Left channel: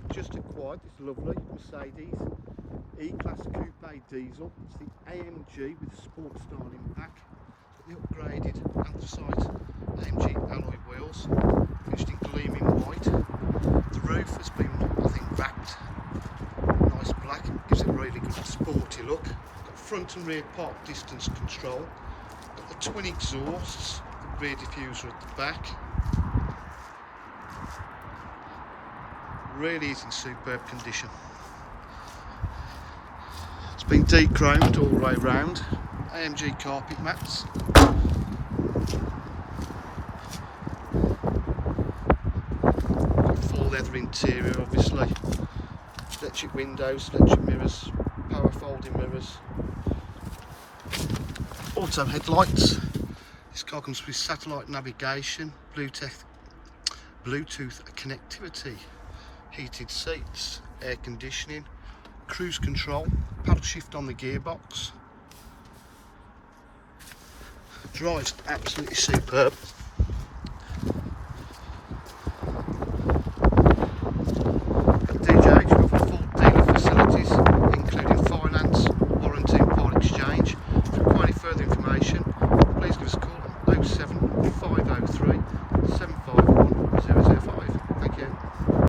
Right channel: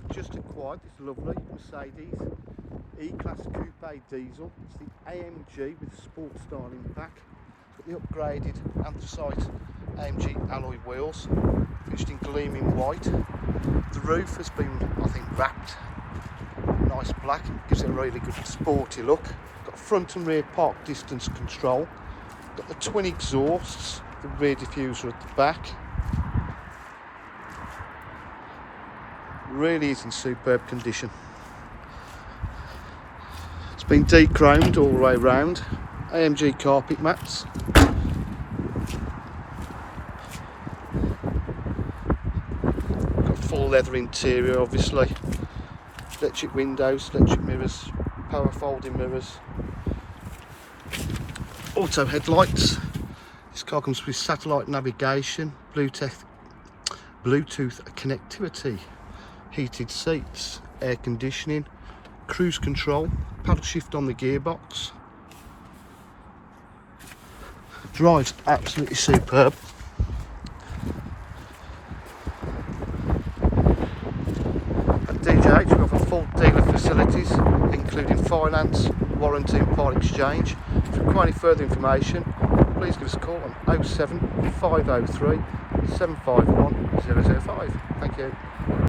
we've just acquired this lovely Mercedes E-Class Coupe diesel. It's the AMG with sport styling back. Got the upgraded anthracite AMG alloy wheels, finished in gleaming white. The roof has been, I think, wrapped nice black, gives it a really good sporty look. Got front and rear park distance control. Got the twin exhausts, the rear diffuser at the back. Really is in superb condition. It's been de-chromed all the way around. AMG carpet mats. Got full leather interior, obviously. Electric windows, electric mirrors, power folding mirrors. Auto headlights. This car comes with satellite navigation, Bluetooth connectivity, heated seats, air conditioning, cruise control, paddle shift on the gearbox. Drives absolutely superb. At DJH we offer full dealer facilities including finance, warranty and part exchange. If you require any further information, please give us a call on 07 503 751 005. Thank you.